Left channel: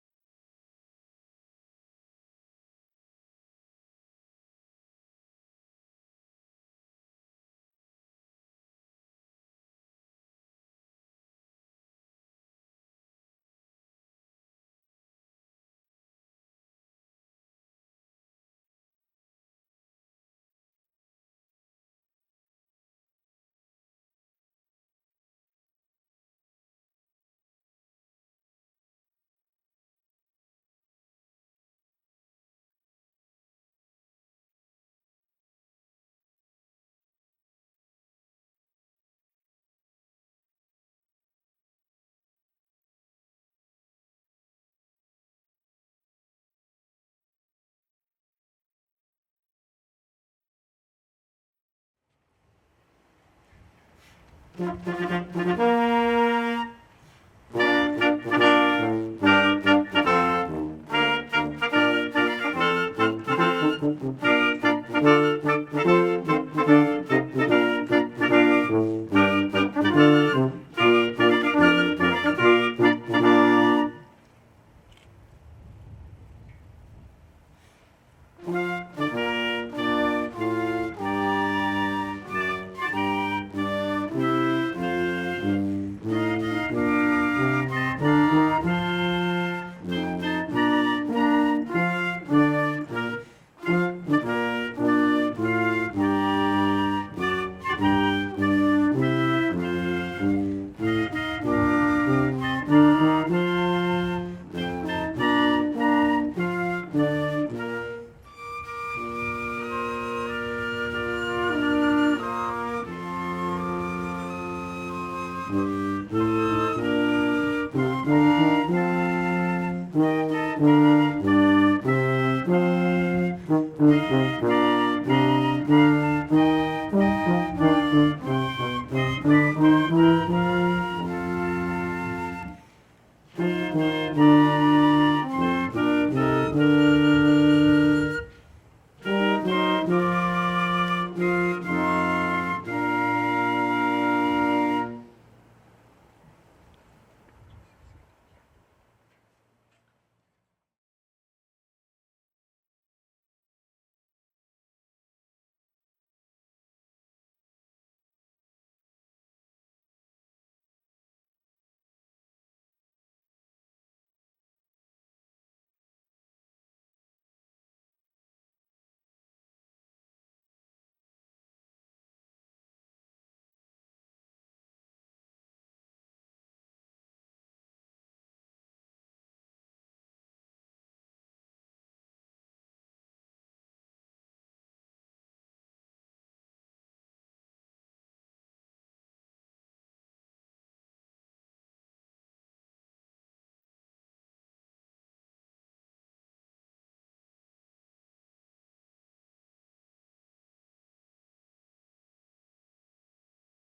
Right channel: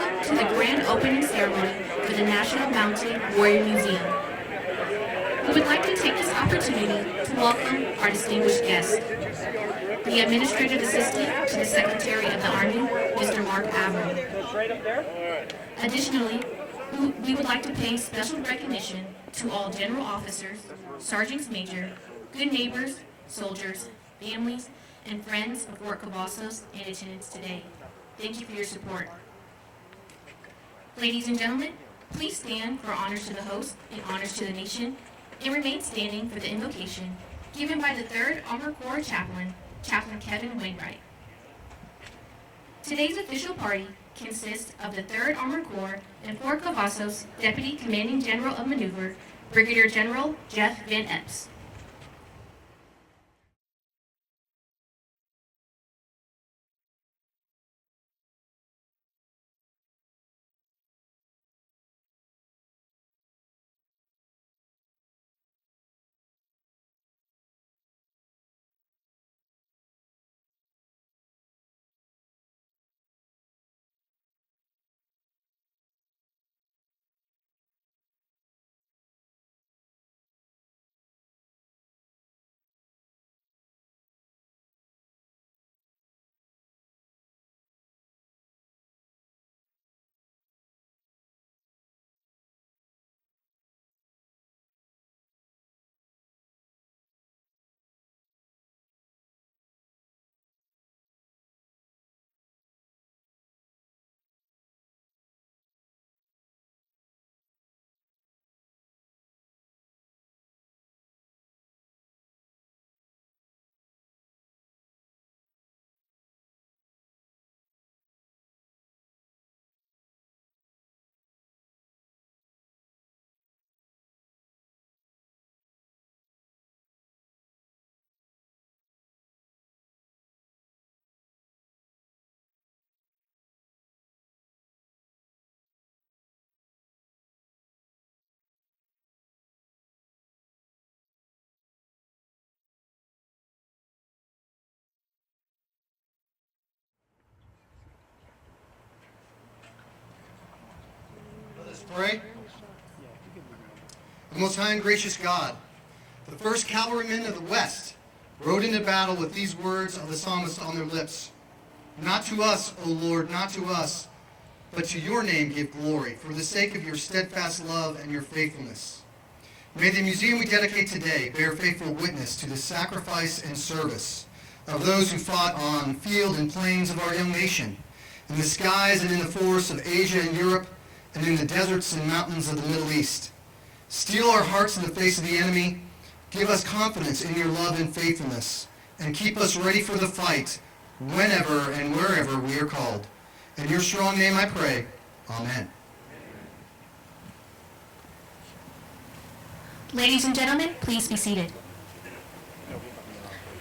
welcome to the grand opening ceremony for the National Mounted Warrior Museum. We would like to take this opportunity to welcome our distinguished guest, the Administrative Assistant to the Secretary of the Army, Mr. Mark Averill. Additionally, we would like to pay special recognition to all general officers, sergeants major, good neighbors, soldiers, families, and friends of Fort Cavazos in attendance today. Thank you for your support. Ladies and gentlemen, please stand for honors to the host and honors to the nation, and remain standing for the invocation given by the 3rd Armored Corps Chaplain, Chaplain Kevin Wainwright. Today's official party consists of the 3rd Armored Corps and Fort Cavazos Deputy Commanding General of Maneuver, Brigadier General Jeff Van Epps. Pray. Most high and gracious God, the first cavalrymen of the West rode into battle with these words of the psalmist on their lips. Not to us, O Lord, not to us, but to your name give glory, for the sake of your steadfast love and your faithfulness. May the museum we dedicate today bear faithful witness to the sacrifice and service of those who fought on field and plains of our young nation, in the skies and in the forests of Asia and Europe, and in the deserts and mountains of the Middle East. Steel our hearts in the face of the enemy, give us confidence in your love and faithfulness, and keep us ready for the fight whenever and wherever we are called. In your strong name I pray. Amen. Ladies and gentlemen, please be seated.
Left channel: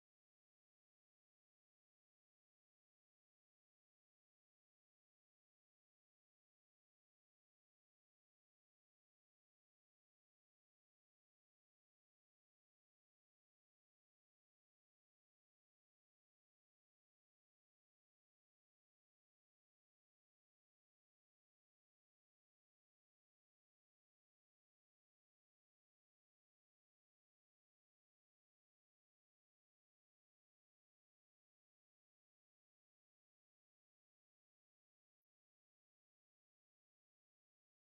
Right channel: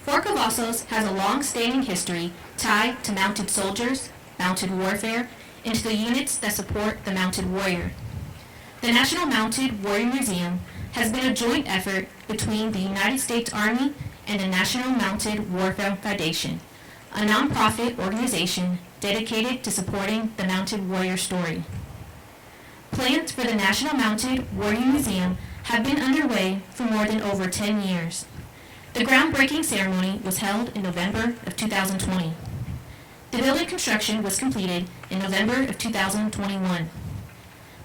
Fort Cavazos has a long-standing history tied to mounted soldiers, mounted warfare, and to the units that support the mounted warrior. The National Mounted Warrior Museum has been a joint effort between the United States Army and the National Mounted Warfare Foundation, a nonprofit organization dedicated to supporting the mounted warrior story. Plans for the National Mounted Warrior Museum have been underway for more than over 10 years. The groundbreaking ceremony was held in November of 2020. The building construction was completed in November of 2021.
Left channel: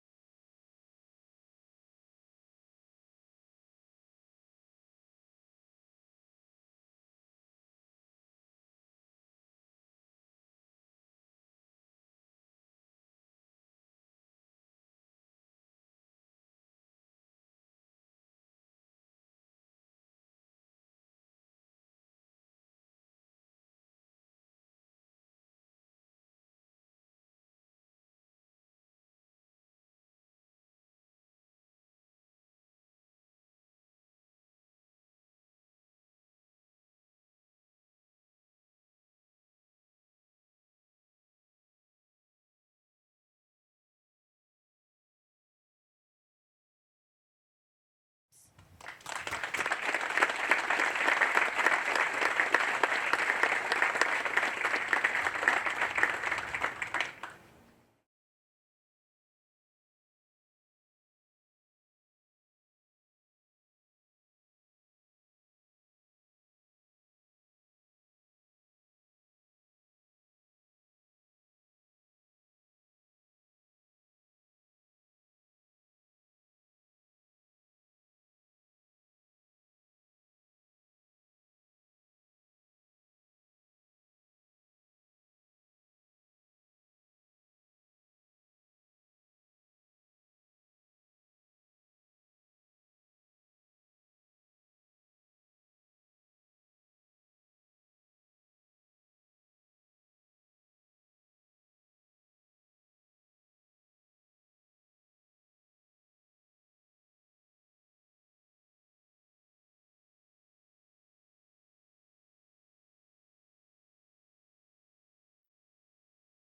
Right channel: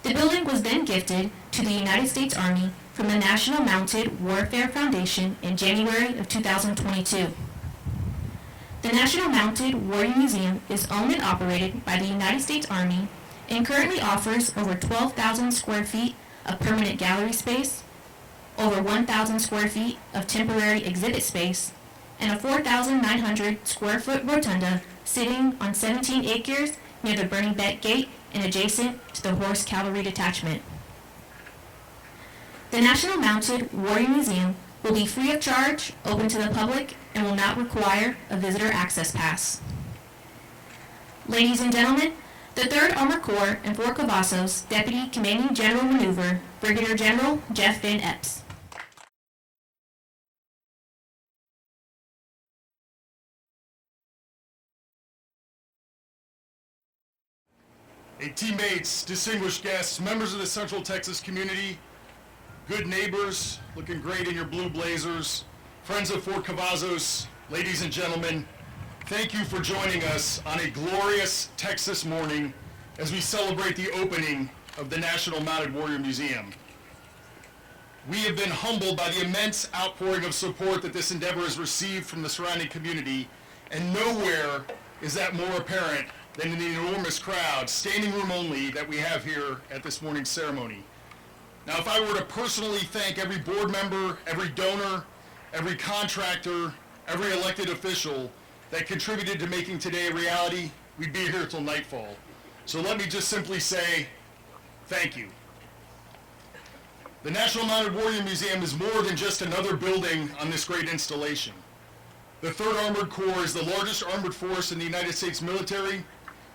The building was then gifted to the United States Army from the National Mounted Warfare Foundation in January of 2022. The National Mounted Warrior Museum is owned and operated by the United States Army and currently offers over 12,000 square feet of permanent gallery space, over 1,000 square feet of temporary exhibit space, and a 4,900 square foot rotunda sitting on 17 acres near the Burning Beck Gate and adjacent to the Horse Cavalry Detachment. The National Mounted Warrior Museum will be free of charge, open to the public, and will not require a visitor access pass. Ladies and gentlemen, the 3rd Armored Corps and Fort Cavazos Deputy Commanding General Maneuver, Brigadier General Jeff Van Epps. A teammates, distinguished guests, members of the Central Texas community, good neighbors, looking great in your blue blazers, friends of Fort Cavazos, ladies and gentlemen, thank you for joining us on a glorious Texas morning as we celebrate the opening of the National Mounted Warrior Museum. We have been humbled by the immense outpouring of support that this endeavor has received from the surrounding community, and nowhere is that more apparent than in the enormous crowd, standing room only, that we have here at this morning's ceremony. Now, if I were to personally thank every board member, every donor, every contractor, every elected official that contributed to making today a reality, we'd be here till nightfall. So let me just simply say, thank you. The National Mounted Warrior Museum is more than just another building on this great installation. The 3rd Armored Corps is the largest armored force in the United States military,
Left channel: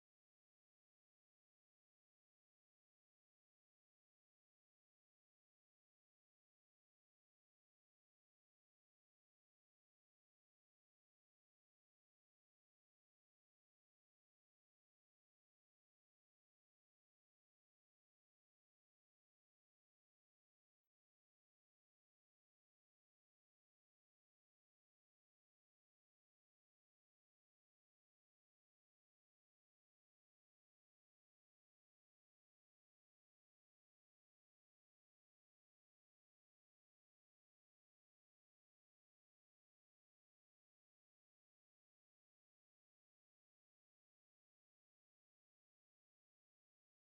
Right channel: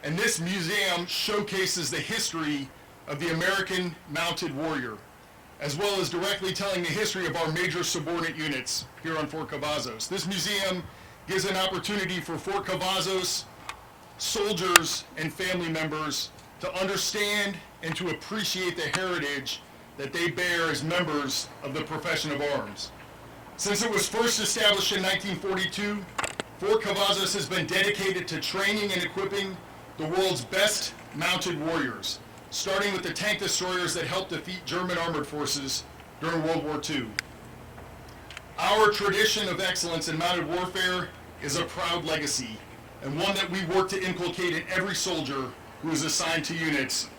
and this museum showcases the history of the American Mounted Warrior, as well as directly telling the history of our major subordinate units here on Fort Cavazos. This museum gives an opportunity for Fort Cavazos soldiers and family members to understand and to appreciate the heritage that they bear as members of the profession of arms. Since it was first established in 1942, Fort Cavazos has been dedicated to training and equipping the world's best mounted warriors, starting with the tank destroyers that helped defeat German armored forces during World War II. Our tradition of excellence in mounted warfare is a proud legacy, and one that we work to inculcate in every soldier who is assigned to units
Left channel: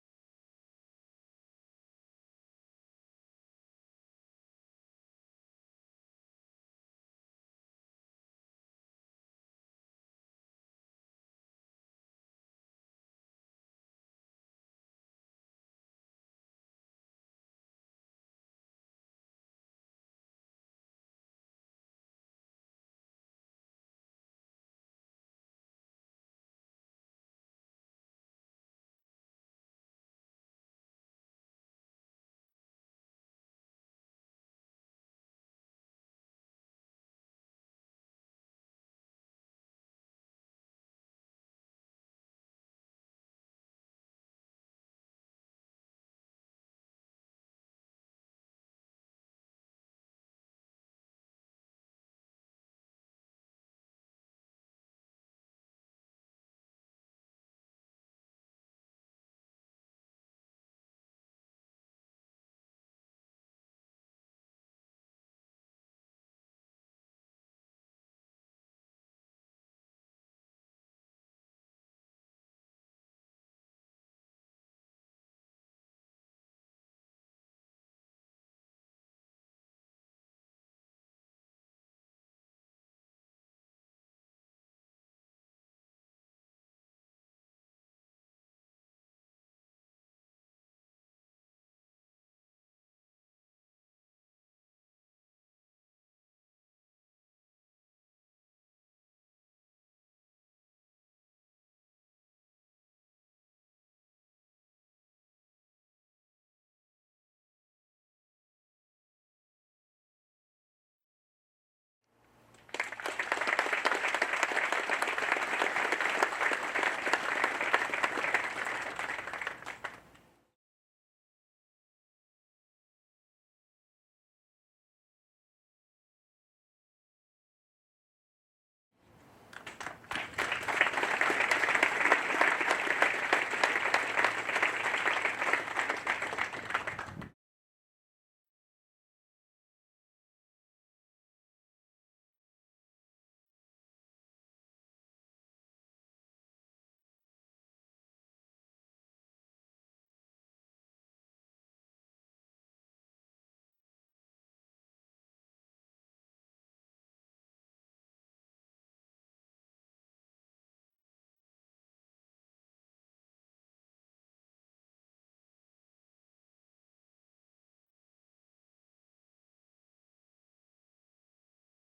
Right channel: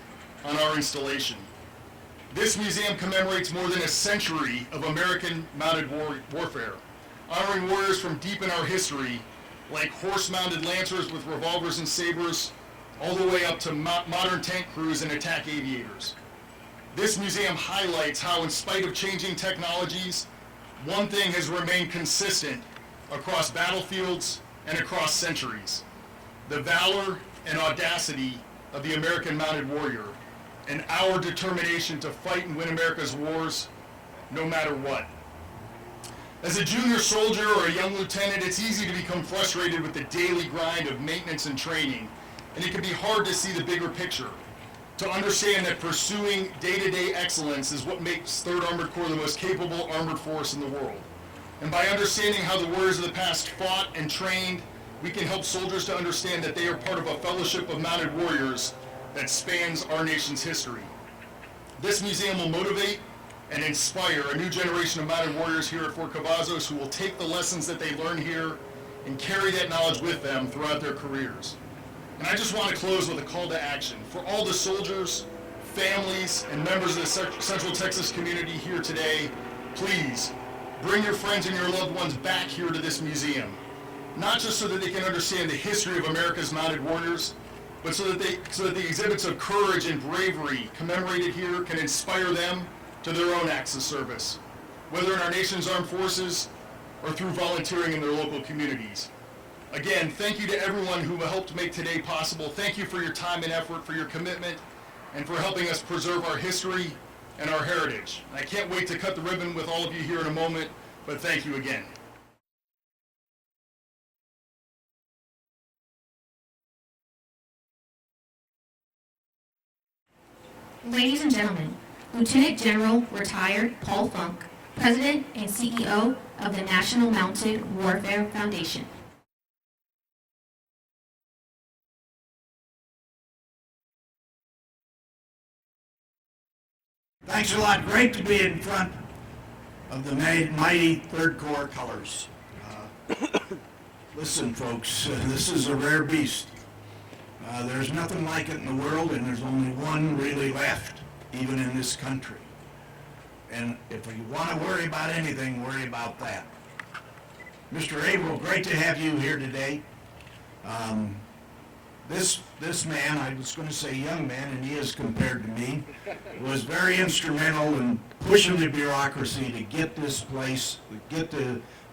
on our installation. This museum commemorates more than a century of American mounted warfare, honoring warriors from deep in our history, like horse-mounted lancers with revolvers and sabers, all the way up to modern tank crews and attack aviators. This museum highlights how, in spite of changing technologies, one thing has remained consistent across battlefields and across centuries: the valor and audacity of the American mounted warrior, and our determination to fight and win America's wars no matter what. As a junior soldier or a young lieutenant, it's easy to become frustrated with the daily grind of maintenance and training, and it can be hard to see the bigger picture, to understand that pursuing day-to-day excellence is what makes 3rd Armored Corps the most capable armored force in the world. And by understanding how the warriors of the past fought and trained, we can help soldiers to understand that they are part of a fellowship of mounted warriors that spans our nation's history. This museum will motivate and inspire a new generation of mounted warriors here at Fort Cavazos who will take the lessons that they learn here and carry that knowledge with them throughout their careers. And I just want to close with a call to action for all the soldiers, families, and members of the Central Texas community here today. Please bring your friends and your loved ones back here to this museum, not just so that they can understand the history of America's mounted warriors, but so that the exhibits of courage and bravery commemorated here can inspire them to their own acts of service, whether in our nation's armed forces or through volunteering in their local communities. Again, thank you to everyone who helped make today possible. Thank you for your time and effort, for your commitment, and for helping us preserve our history and our heritage. I can't wait to cut the ribbon with all of you here in a moment, but thank you again. Ladies and gentlemen, Lieutenant General Retired Paul Funk, President and CEO of the National Mounted Warfare Foundation. Thanks a lot. Great to be in front of the mighty 3rd Corps colors. Listen, folks, this is a rare beast. There's nothing like it in the world, and there's only one really left, even in this country. And if you want to worry about anything, worry about that. Mr. Averill, great to have you here today. This man, I was going to say young man, and he is compared to me, was very instrumental in pushing the bureaucracy to get this place, to get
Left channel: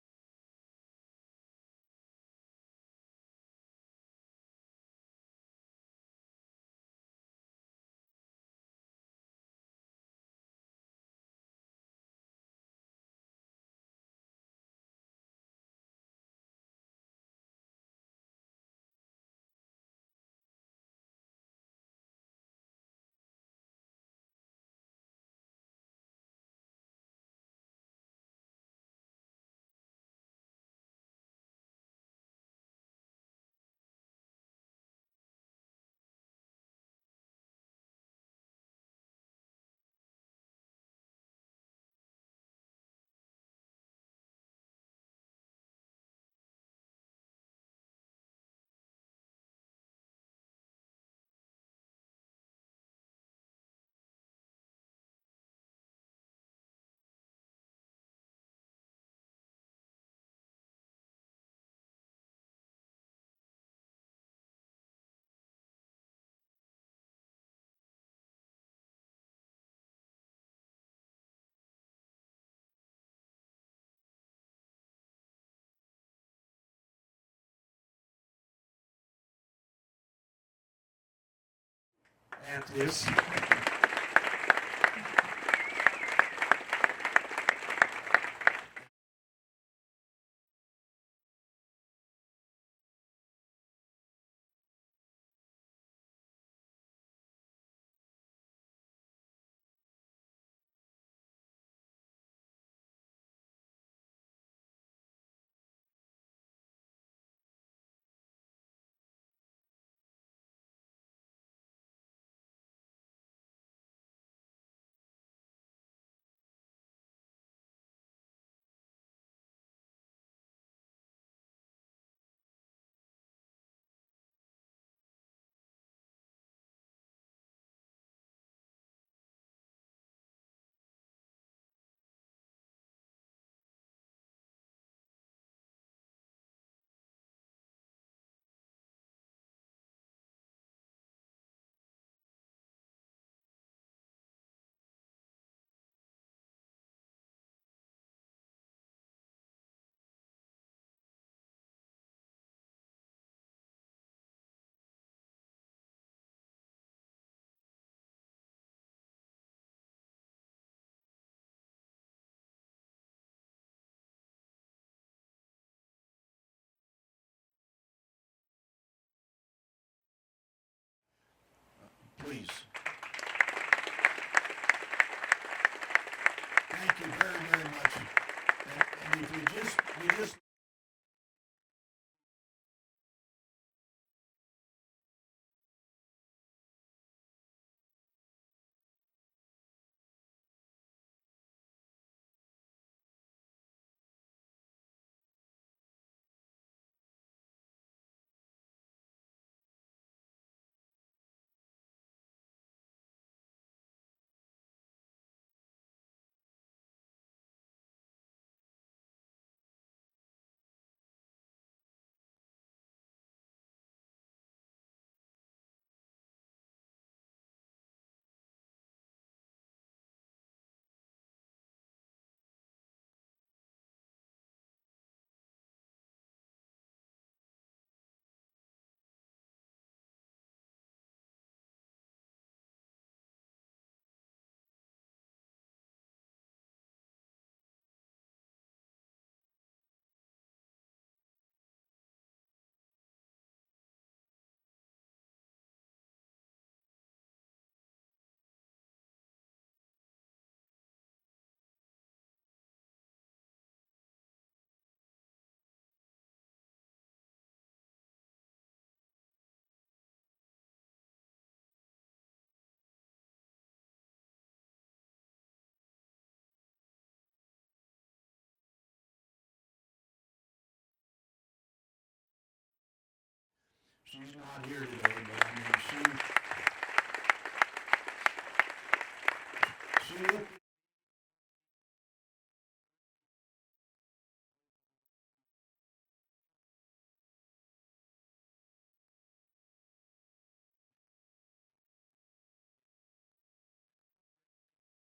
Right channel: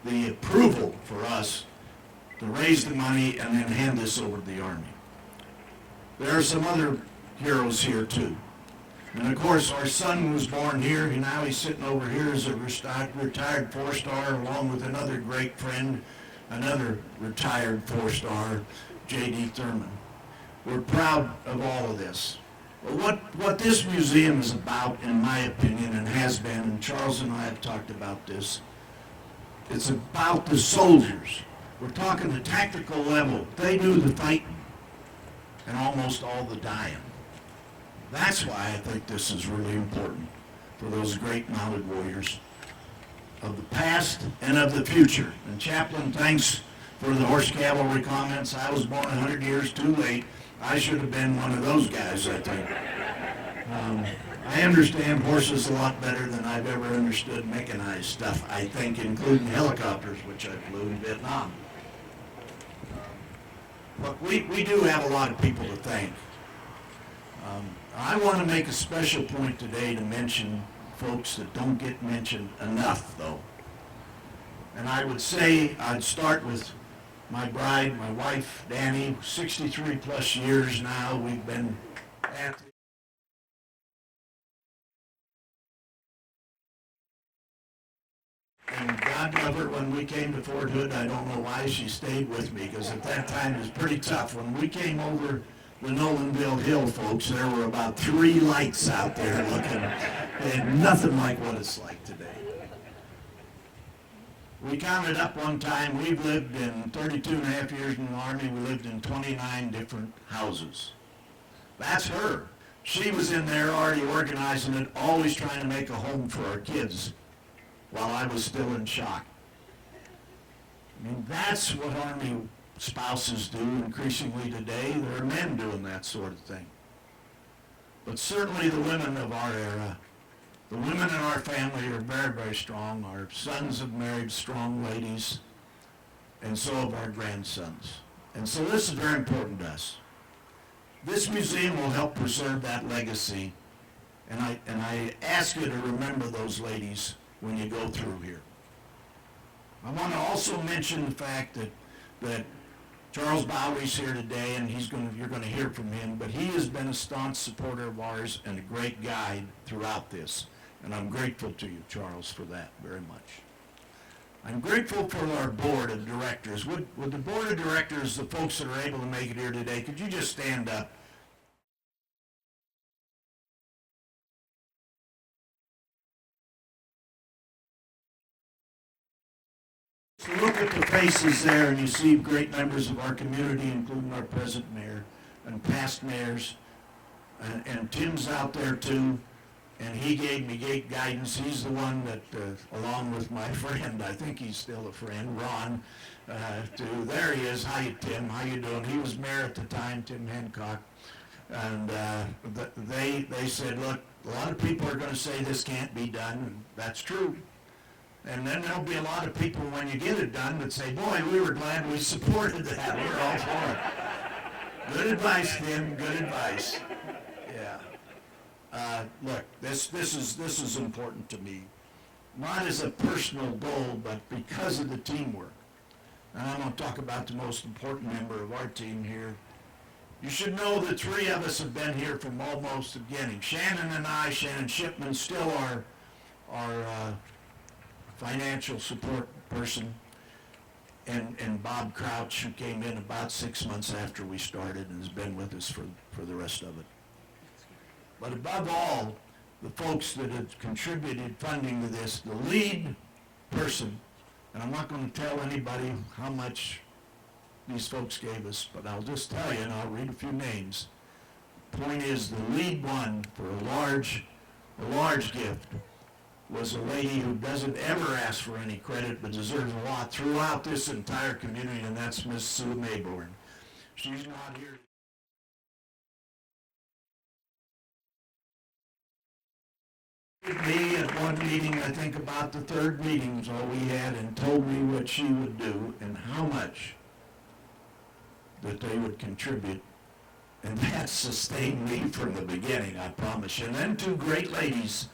the approval for us to raise the money and then hand this over to the Army. There are some other heroes here too. And of course our son was born here, and now he's sitting over here as a retired 4-star along with another great friend, another retired 4-star, J.D. Thurman. We're proud of all of this. What this museum is about, in my opinion, and has been, and Charles and I have talked about this, it's about the soldiers. We're talking the tactical level. They do the fighting and almost all the dying. That's why I think this is really important for those great mounted warriors of the past and of the future. And Chaplain, thanks for the horse cavalry comments. I was born 100 years too late. I should have been one of those guys, I think. I understand horses a lot better than I've ever understood mechanized stuff, I think, including helicopters, which I flew in Vietnam. But we do have a lot of people to thank. I want to make a special point today to mention folks that don't get mentioned enough, though. And I would say I'd start with my bride, my wife, Danny, 63 plus years now. We've been at this. And God love her, when we came to Fort Hood, I don't know why she stayed with me, because at that time it was pretty tough. When we came over the Nolanville Hill, folks, there were about 3 lights out there looking, and nothing like what it's like today. We counted up one time, we've lived in 32 and a half years in the Army, we lived in 29 different houses. That's her. She was in there already organizing it, always trying to make a home for our kids while I was still in shock. I mean, that's what Army spouses do increasingly today. There are men doing that sort of thing. But certainly the women of our era, the women in our family are very, very strong. Our sons have married strong ladies, and so have our grandsons. And so this is very important to us. This museum will help preserve that legacy, and I ask you to remember those ladies when you go through here. I want to also mention the fact that Charles Bowery's here today, and you're going to hear from him, but he has been a staunch supporter of ours and a great guide throughout this. And I'm grateful to you, Charles, for that very much. I'm grateful for our board of directors. Would the board of directors, the folks that are able to make it here today, could you just stand up, please? Thank you very, very much. And if you just look at the faces there and you see great members of our community, including our present mayor and past mayors, and Tim's out there too, and he gave me great guidance. He's the one that, along with my friend, I think he's still a friend, Ron, there he is. Hi, Tim. How you doing? He was mayor at the time, Tim Hancock. And they said, look, a lot of people are going to say this can't be done, and that's true. And then there'll be a lot of people, when you get it done, that say, boy, we were glad we supported that. We're all for it. Good advice, Tim. Good advice. Yeah. Look, this is important to me, not as a personal goal, but because of the teamwork. And I'm going to talk about the most important member of our team here. You should know the 3 of us have been here from almost the beginning. Shannon and I, Shannon Shipman, still our financial support person, and Bob Crouch, who came in about 6 months after we started and has been with us for the rest of it. But above all, the folks that have contributed funding to this, the lead person, and I'm not going to tell anybody how much these folks gave us, but I'll just tell you, and I'll read a few names. The point is, the lead one for a large gift was a lady who doesn't ever ask for any credit, but deserves a lot throughout this entire community, and that's Miss Sue Mayborn. She's not here today, but I mean, she looked at me at one meeting, I think about the 3rd meeting was all we had, and told me what she would do and how much that they would contribute. And that sustained me from the beginning, I promise you. And then 2 great ladies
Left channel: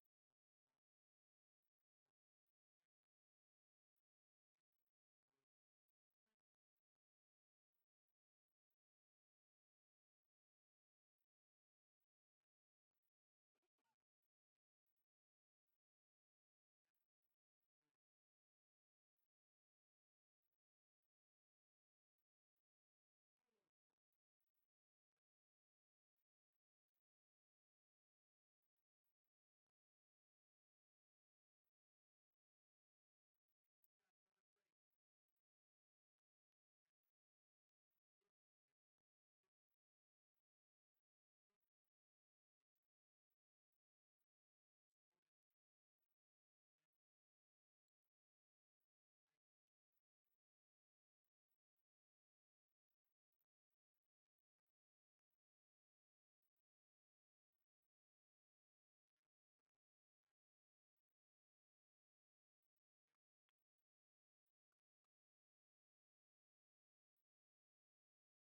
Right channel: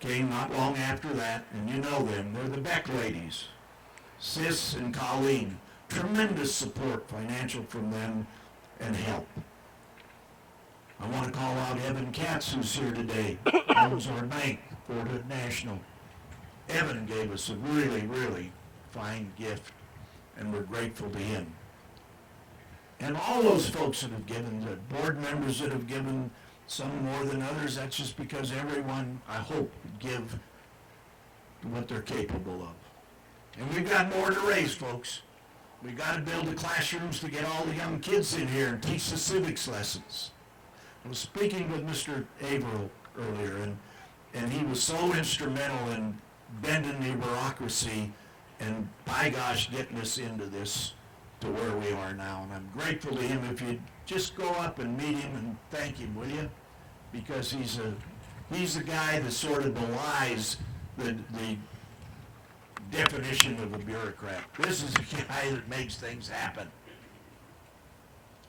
came not long after that, and you know them. They're the Beck ladies, Sis and Colleen. Tremendous support, financial, from them, and help. I want to call out Evan Katz, who's here today. Owns our bank, Fort Hood National. Evan gave us a really, really fine gift, and we're grateful to him. And all those folks that have given, the board members that have given, some more than others. That's just because everyone, I hope, would give what they're capable of. And we've got more to raise, folks. We've got to build the classrooms to get all the young kids in here and teach the civics lessons. I was speaking with Mr. Averill earlier, and he was so instrumental in bending the bureaucracy and, by gosh, getting us into this to where we are now. And I'm grateful to him. If you'd just go up and meet him and thank him, will you? Because he's the guy that sort of belies the definition of a bureaucrat. This is the guy that makes things happen.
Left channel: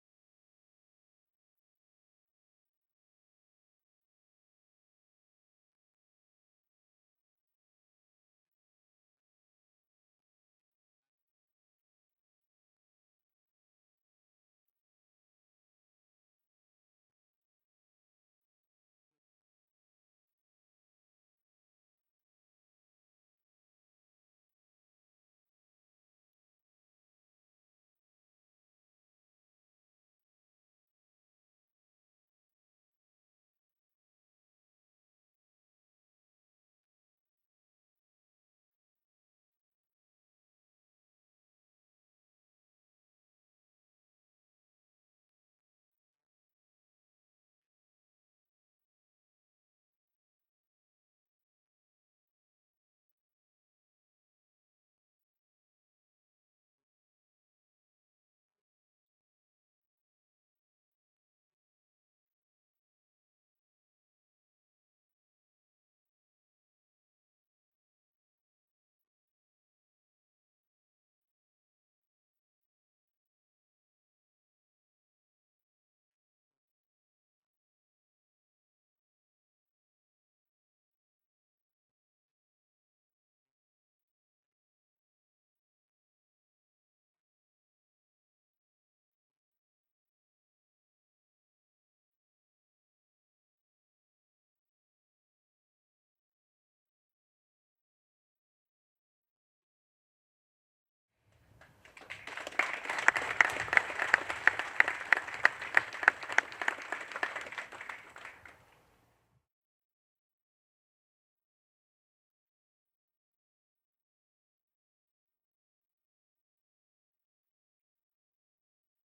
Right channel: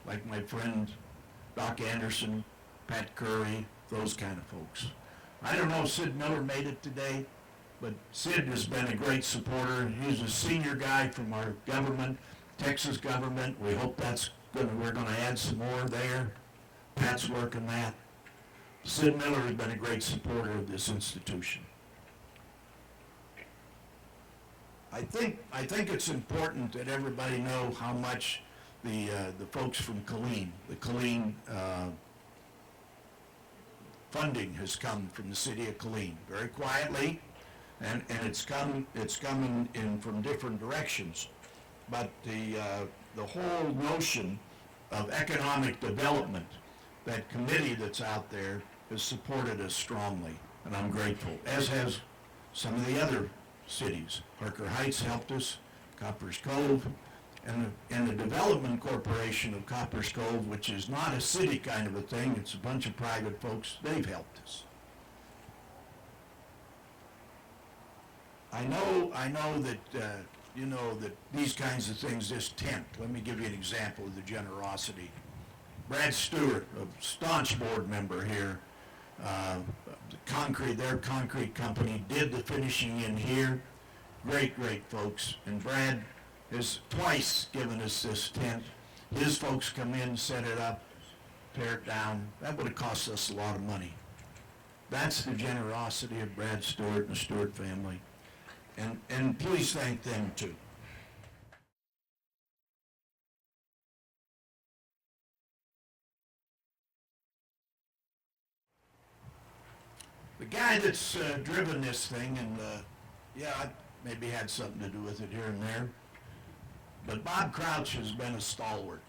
Like my friend Doc Anderson, Pat Curry, those kind of folks. I don't know if Sid Miller made it today, but Sid has been a great supporter. He's a senior guy from our government, Texas government. We hope we're going to add some more there. Pat's working that. Sid Miller has been a great supporter of this institution. I think it's important that everybody know how much the folks from Killeen, the Killeen funding has come from the city of Killeen, very quietly, and it's coming in from different directions. But the whole notion of economic development, that committee that's out there, has supported us strongly, and I'm grateful, as has some of the other cities. Harker Heights helped us, Coppers Cove, and the Development Corporation of Coppers Cove, which is not a city kind of a thing, it's a bunch of private folks, they've helped us. I know that, that these kinds of things, this tent, let me give you an example of the generosity. Brad Stewart, a staunch board member here, their concrete company did the finishing in here. Great folks. And Brad has twice given us this tent. His folks come in, set it up, tear it down. That would have cost us a lot of money. That's the generosity of Brad Stewart and the Stewart family. And please thank them too. The guy that's driven this thing, and I maybe had something to do with it here and there, but Bob Crouch has been a stalwart.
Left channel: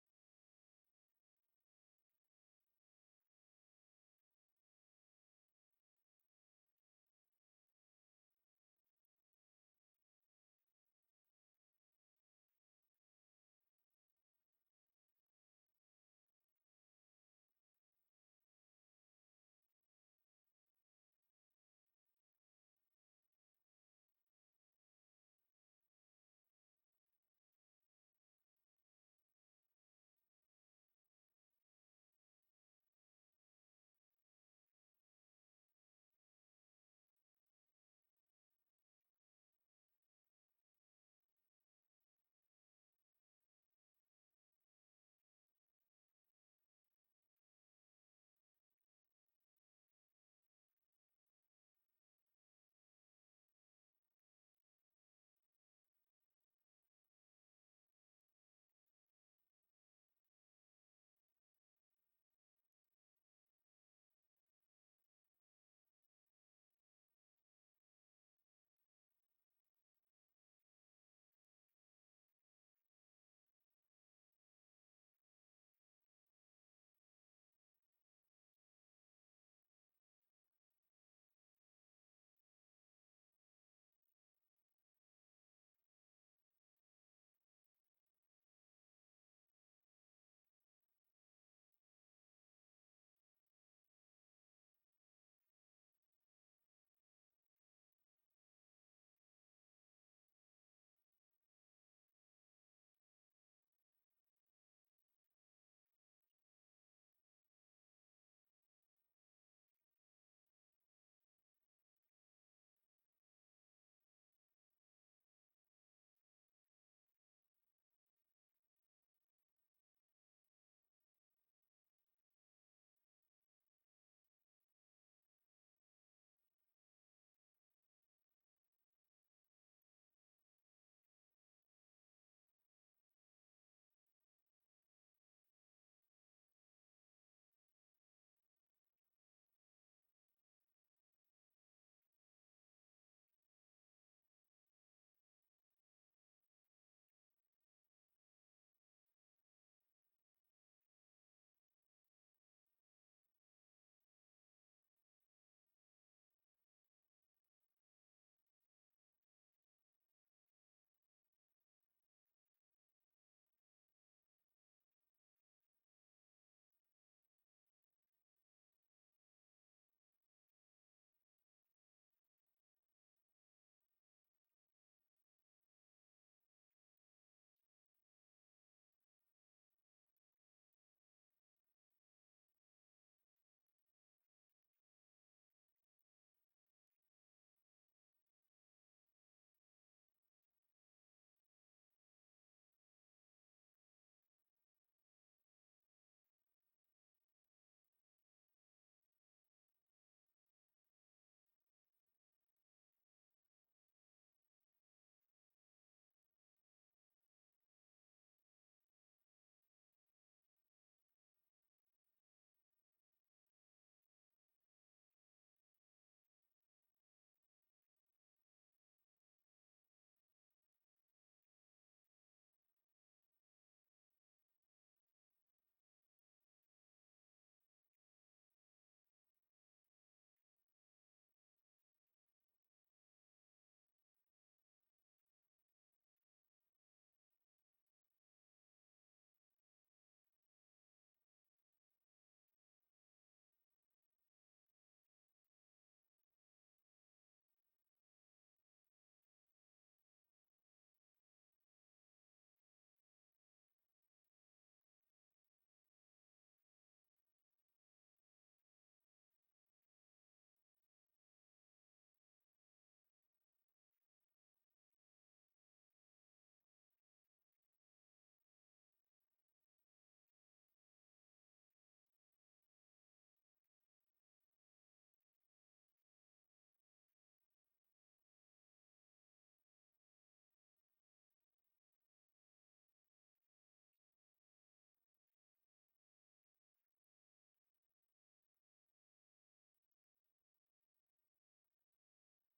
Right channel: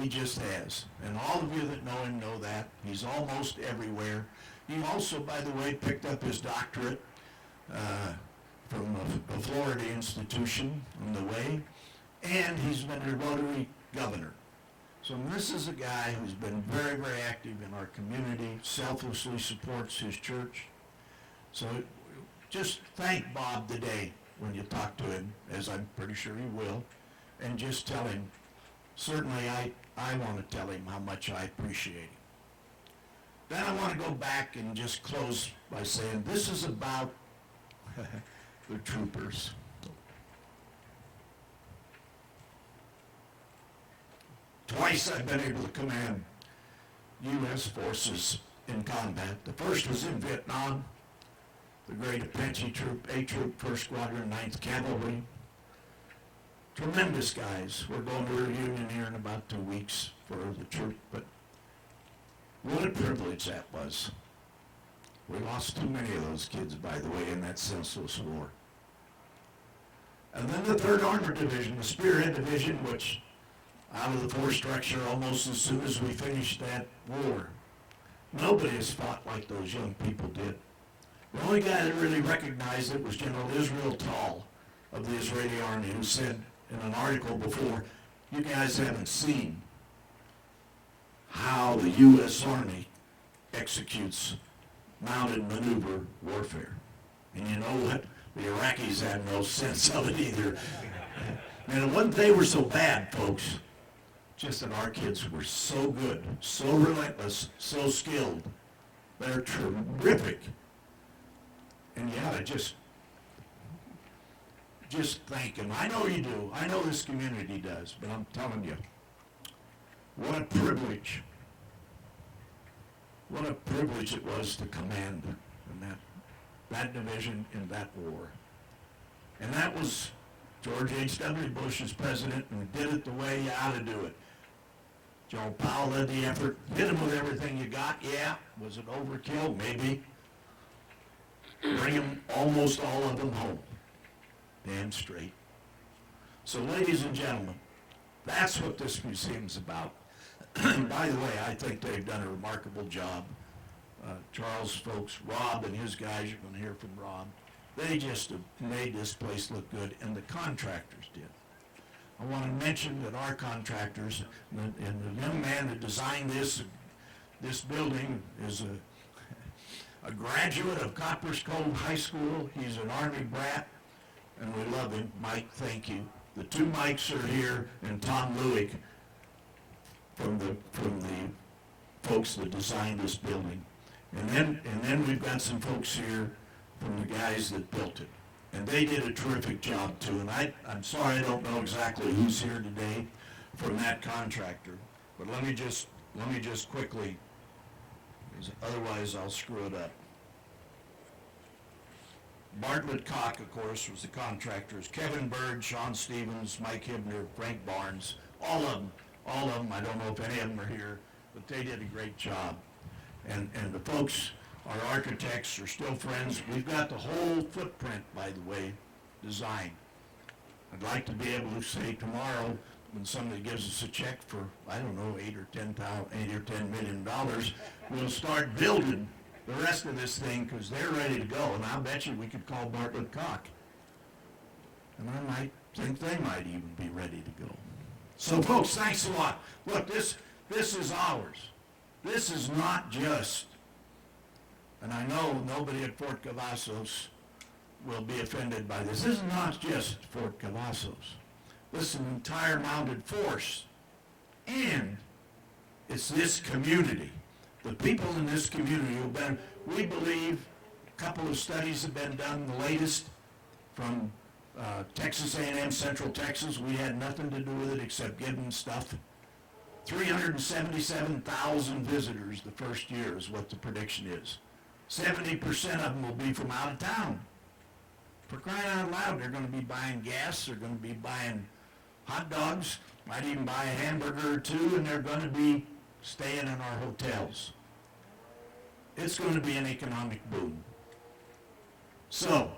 He just has. And all of you that know him know that. He's almost everywhere. He also, by the way, picked up his doctorate from a Florida institution on the way, and he's been a Rotary governor. So this is a guy who's been very active in our community, selflessly supports his church. So just thank Bob today when you talk to him, as I'm pretty sure you will, and just tell him, certainly I want to tell him how much I appreciate him. Then I want to go back and just close by saying this is about the troopers. Twice I've been able to command U.S. forces in combat. The first was in Vietnam, the Great Apache Troop, A Troop, 1st Squadron, 9th Cavalry. Tremendous guys. We're going to a reunion here in about 2 weeks for the troop, but what a privilege that was. We lost too many of those kids, by the way, in that senseless war. And then the 3rd Armored Division, the Spearhead Division, which out of the force structure almost as soon as we finished that war. Nobody has fought like those young people did. The only guy that really recognized it was General Israel Tall of the Israeli Army, who said in an article before, you guys haven't seen how the U.S. Army executes mounted maneuver warfare. And you know what? The Iraqis had no sense of it either. And when they were so bad, folks, just that our kids were so good, so relentless, so skilled. They're terrific. And you ought to just thank them. I know you do. I know this community does, but I'm telling you, what a privilege. What a privilege it was to command in that division in that war. And that was George H.W. Bush as president, and did it the way you ought to do it. General Powell led the effort, hit them with everything you got, yeah. Was it overkill? Maybe. Bring them, almost all of them home. Damn straight. So ladies and gentlemen, that's what this museum's about. By the way, I think they've done a remarkable job. Charles' folks, Rob and his guys, you're going to hear from Rob. They just have made this place look good, and the contractors did. I want to mention that our contractors, and the young man that designed this building is a graduate of Coppers Cove High School. He's an Army brat, and we love him. Mike, thank you. The two Mikes are here, and Tom Lewick from the folks that designed this building. And then we've got some folks here from the guys that built it. And they did a terrific job too. And I'm sorry I don't know exactly who's here today from that contractor. But let me just quickly, because otherwise I'll screw it up. Bartlett Cock, of course, was the contractors. Kevin Bird, Sean Stevens, Mike Hibner, Frank Barnes, all of them. I don't know if any of them are here, but they did a great job. And the folks, our architects, are still friends. We've got the whole footprint, by the way, designed. I'd like to be able to say tomorrow, when somebody gives us a check for, I don't know, $8 or $10 million, we'll start building the rest of this thing because they're ready to go. And I'll bet you we could call Bartlett Cock. And I might think they might even be ready to go. So folks, thanks a lot. Look, this is ours. This is not just, and I know nobody at Fort Cavazos will be offended by this. This is not just Fort Cavazos. This is an entire mounted force. And it's this community. The people in this community who've been, we believe, a couple of studies have been done, the latest from Texas A&M Central Texas. We had nothing to do with it except give them stuff. 377,000 visitors the first year is what the prediction is. 70% of them will be from out of town. For crying out loud, they're going to be buying gas, they're going to be buying hot dogs, might even buy a hamburger or two, and they're going to be staying in our hotels. It's going to be an economic boom. So,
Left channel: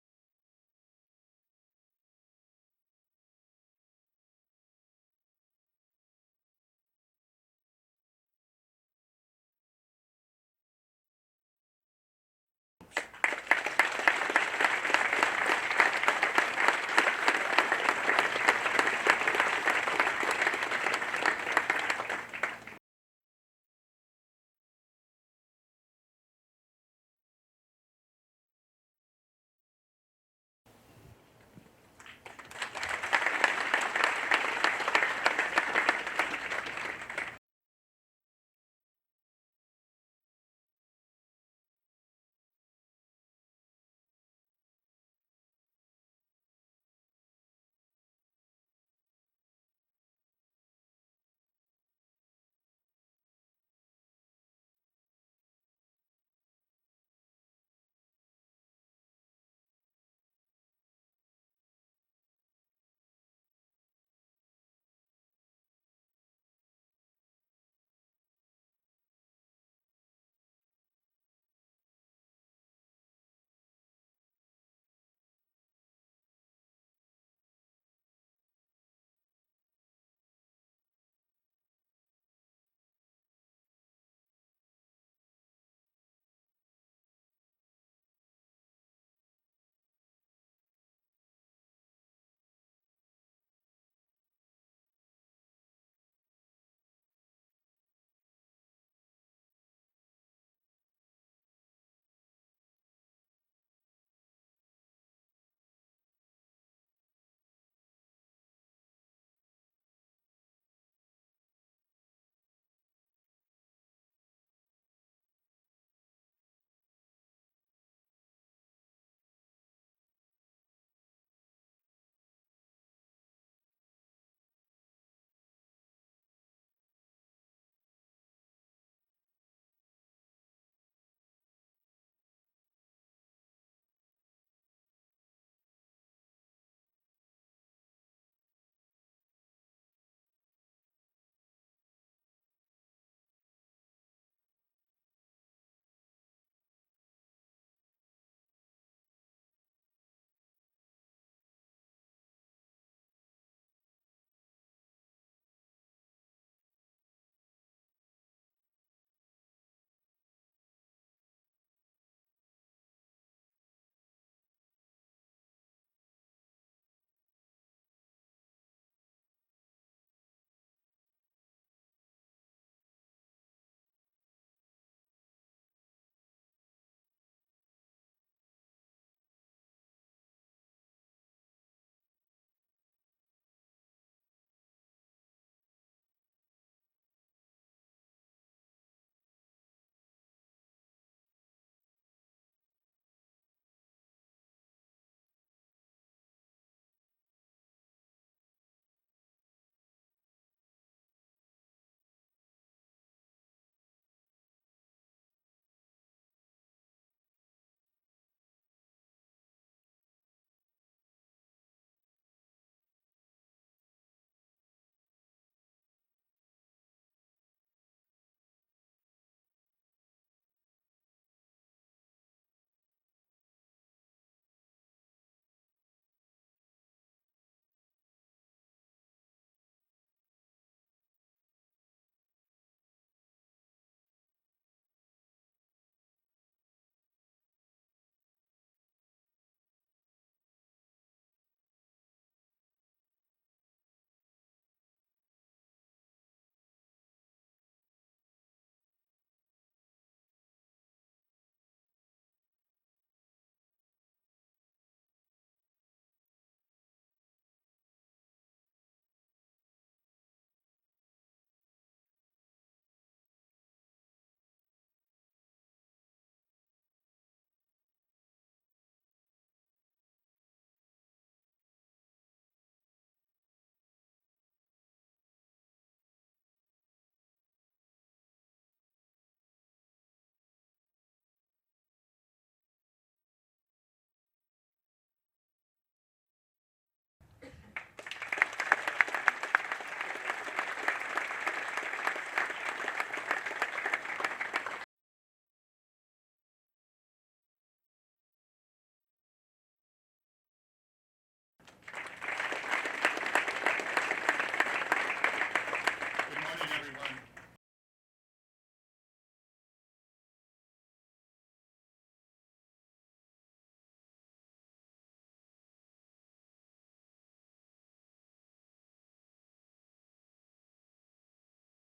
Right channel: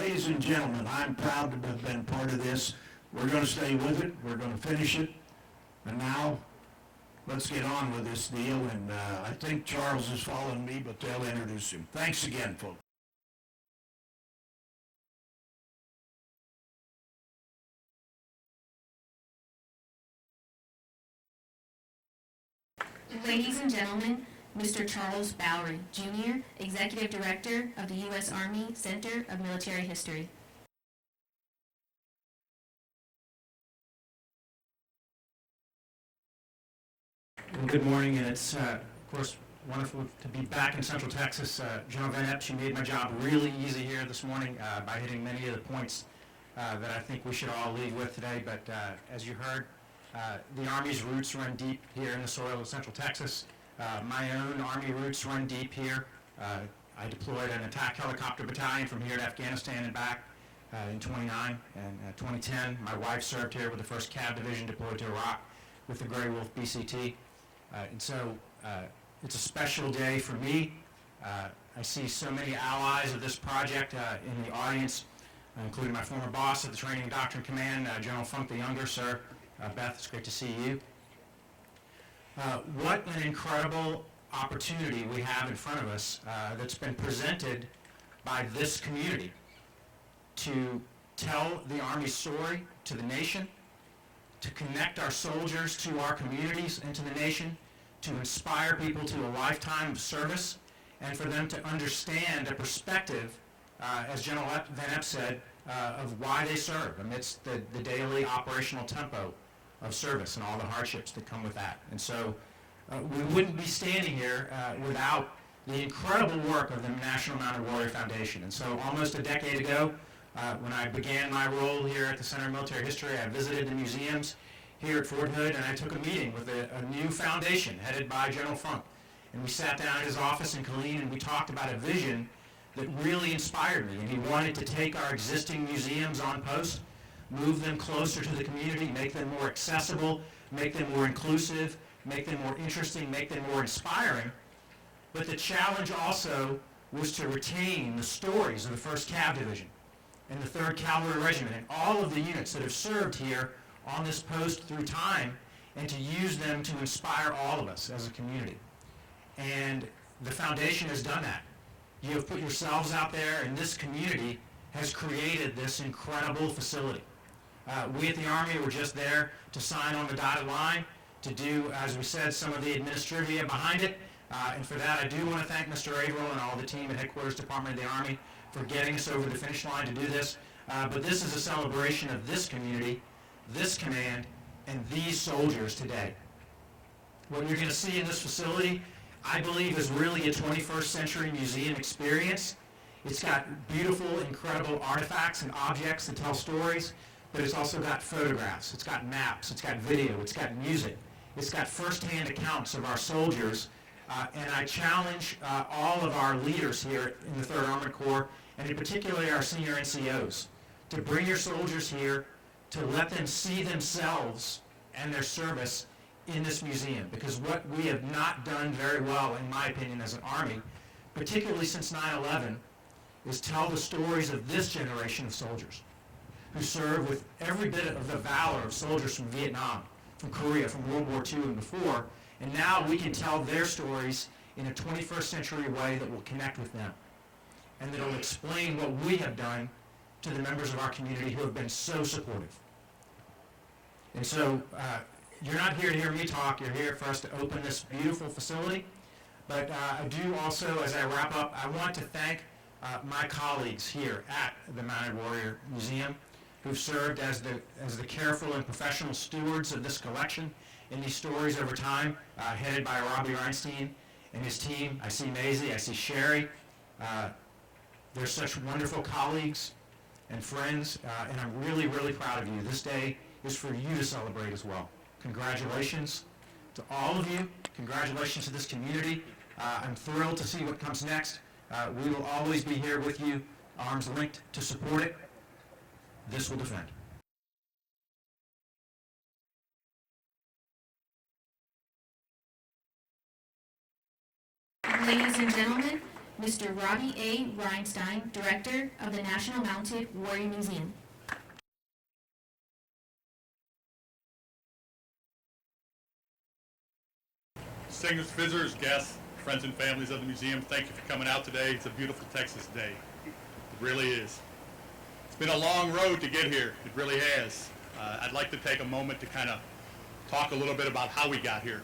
ladies and gentlemen, I'm proud to have been part of this. We're going to stay with it. We're going to finish it. And now, let's get on with this deal. And I think Charles is following me, but they'll introduce him. Thanks again, folks. Ladies and gentlemen, Mr. Charles Bowery, Jr., Executive Director of the U.S. Army Center of Military History. Well, good morning, and it's, of course, wonderful to be back in Central Texas. General Van Epps, you made my job really easy here this morning by hitting many of the points that I think we should all leave with today. But as you heard, the Army's roots run deep here in the soil of Central Texas. My own Army roots run deep here. I deployed an attack helicopter battalion from here to Afghanistan and back in 29 and 2010. My wife served here with the 1st Cav Division deployed to Iraq with the Grey Wolf BCT. And so it's a special day for me. I see so many allies of this project in the audience, including my former boss at the Training and Doctrine Command, General Funk the Younger, sir. Beth, it's great to see you. What an incredible opportunity we have in front of us that's been presented by this community to tell the Army's story to the nation, to connect our soldiers to our communities and to the nation, to inspire people to a lifetime of service, and for them to understand a perspective, as General Van Epps said, of why they serve amidst the daily operational tempo of service and all the hardships that come with that. And so we wouldn't be standing here without the incredible work of the National Mounted Warrior Foundation. And so almost a decade ago, when I began my role here at the Center of Military History, I visited the museums here at Fort Hood, and I took a meeting with a new foundation headed by General Funk. And we sat down at his office in Killeen, and we talked about a vision that really inspired me. And he wanted to take our existing museums on post, move them closer to the community, make them more accessible, make them more inclusive, make them more interesting, make them more inspiring. But the challenge also was to retain the stories of the 1st Cav Division and the 3rd Cavalry Regiment and all of the units that have served here on this post through time, and to use them to inspire all of us as a community. And the foundation has done that. You have put yourselves out there, and this community has created this incredible facility. We at the Army were just there to sign on the dotted line, to do, as we said, some of the administrivia behind it. And for that, I do want to thank Mr. Averill and all the team at Headquarters Department of the Army for getting us over the finish line to do this. But this is a celebration of this community, this command, and these soldiers today. What you're going to see in this facility, I believe, is really a 21st century museum experience. It's got beautiful, incredible artifacts and objects that tell stories, but it's also got photographs, it's got maps, it's got video, it's got music, it's got firsthand accounts of our soldiers. And I challenge all of our leaders here in the 3rd Armored Corps, and in particular our senior NCOs, to bring your soldiers here, to let them see themselves and their service in this museum. Because what we have not done very well, in my opinion, as an Army, particularly since 9/11, is tell the stories of this generation of soldiers who served with every bit of the valor of soldiers from Vietnam, from Korea, from World War II and before. And now we can tell their stories in a 21st century way that will connect with them, and that will explain what we have done to the members of our community who have been so supportive. And so you're not here to hear me talk, you're here for us to open this beautiful facility. But I do also, as I wrap up, I want to thank my colleagues here at the Mounted Warrior Museum who've served as the careful and professional stewards of this collection and these stories over time, headed by Robbie Reinstein and his team. I see Maisie, I see Sherry. They're such wonderful colleagues and friends, and I'm really, really proud of you. This day is for you to celebrate as well. Congratulations to all of you. Congratulations to this community. I'm thrilled to see what comes next. We will always be here with you, arms linked, to support it. This will defend. Ladies and gentlemen, Mr. Robbie A. Reinstein, Director of the National Mounted Warrior Museum. Good morning, everyone. Distinguished visitors, guests, friends and families of the museum, thank you for coming out today. It's a beautiful Texas day. It really is. It's been a long road to get here. It really has. I'd like to take a moment to kind of talk a little bit about how we got here.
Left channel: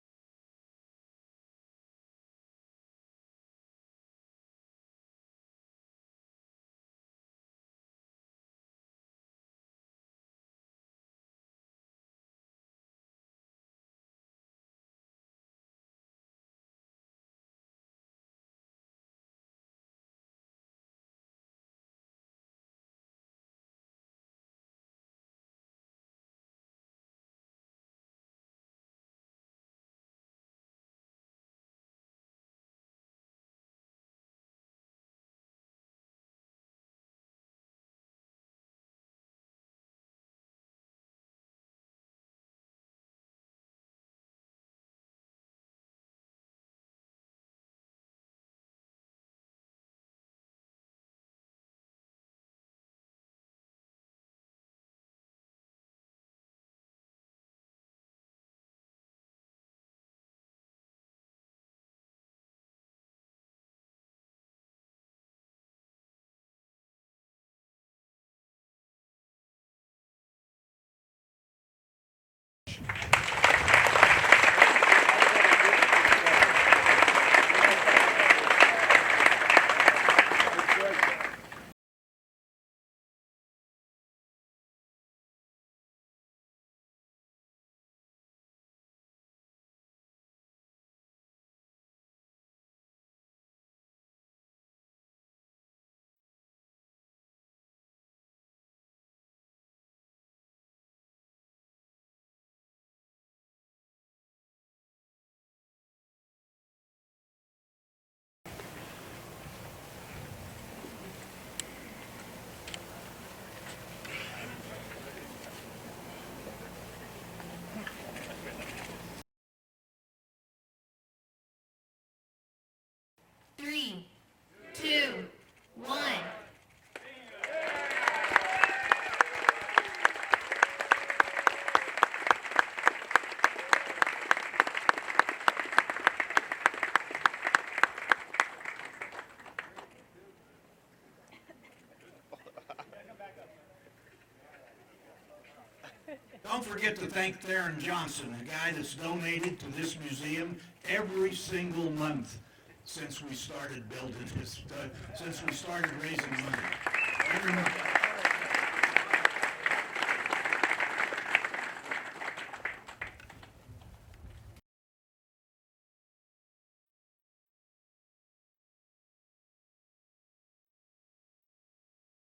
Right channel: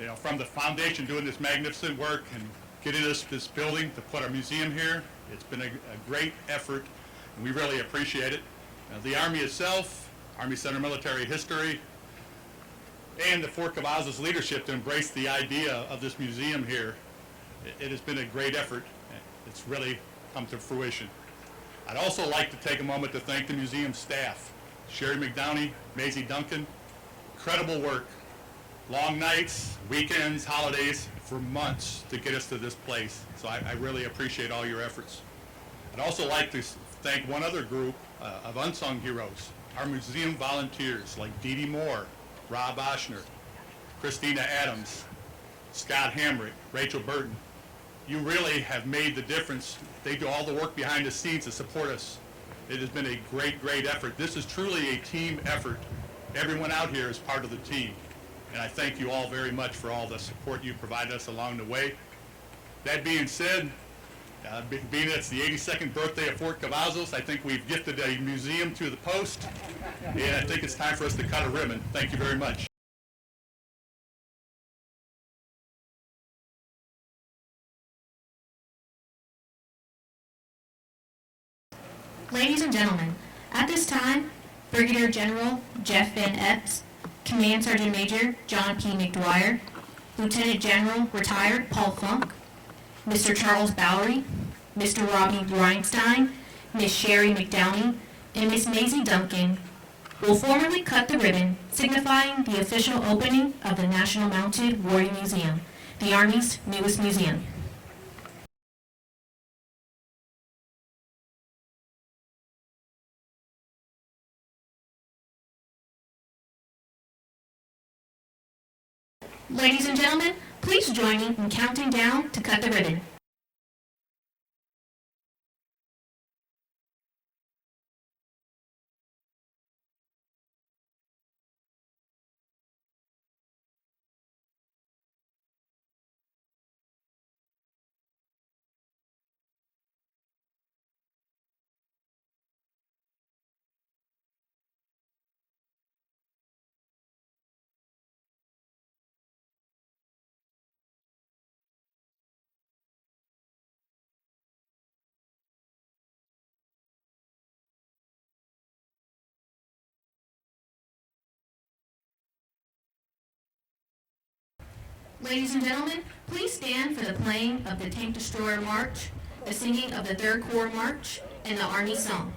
You know, from the foundation doing this magnificent work and getting us this building to put our museum here, it's been a great effort, and we really appreciate it. The Army itself, Army Center Military History, and the Fort Cavazos leadership to embrace the idea of this museum here, it has been a great effort. It's really come to fruition. I'd also like to take a moment to thank the museum staff, Sherry McDowney, Maisie Duncan. Incredible work. Long nights, weekends, holidays, for months to get us to this place. So I really appreciate all your efforts. I'd also like to thank one other group of unsung heroes, our museum volunteers like Dee Dee Moore, Rob Oshner, Christina Adams, Scott Hamrick, Rachel Burton. You really have made the difference. They do all the work behind the scenes to support us. It has been a great, great effort. This is truly a team effort. Everyone out here is part of the team. And I thank you all very much for all the support you provided us along the way. That being said, being it's the 82nd birthday of Fort Cavazos, I think we've gifted a museum to the post, and I think it's time for us to cut a ribbon. Thank you very much. Ladies and gentlemen, at this time, Brigadier General Jeff Van Epps, Command Sergeant Major John P. McDwyer, Lieutenant General Retired Paul Funk, Mr. Charles Bowery, Mr. Robbie Reinstein, Miss Sherry McDowney, and Miss Maisie Duncan will formally cut the ribbon, signifying the official opening of the National Mounted Warrior Museum, the Army's newest museum. Ladies and gentlemen, please join me in counting down to cut the ribbon. 3, 2, 1. Don't forget to thank Theron Johnson, a guy that's donated to this museum every single month since we started building this, since we started raising money. Every month. Ladies and gentlemen, please stand for the playing of the Tank Destroyer March, the singing of the 3rd Corps March, and the Army Song.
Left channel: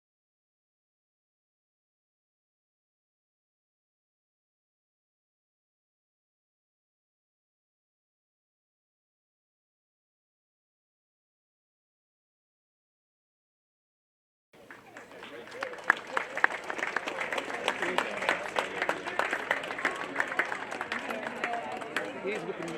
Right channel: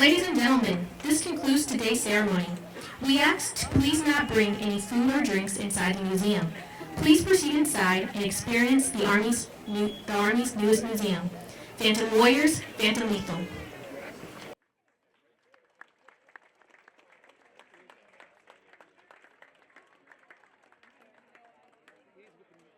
Ladies and gentlemen, this concludes today's ceremony. We ask to please not bring any food or drinks inside the museum. Please proceed inside and experience the Army's newest museum, Phantom Warriors, Phantom Lethal. He's with the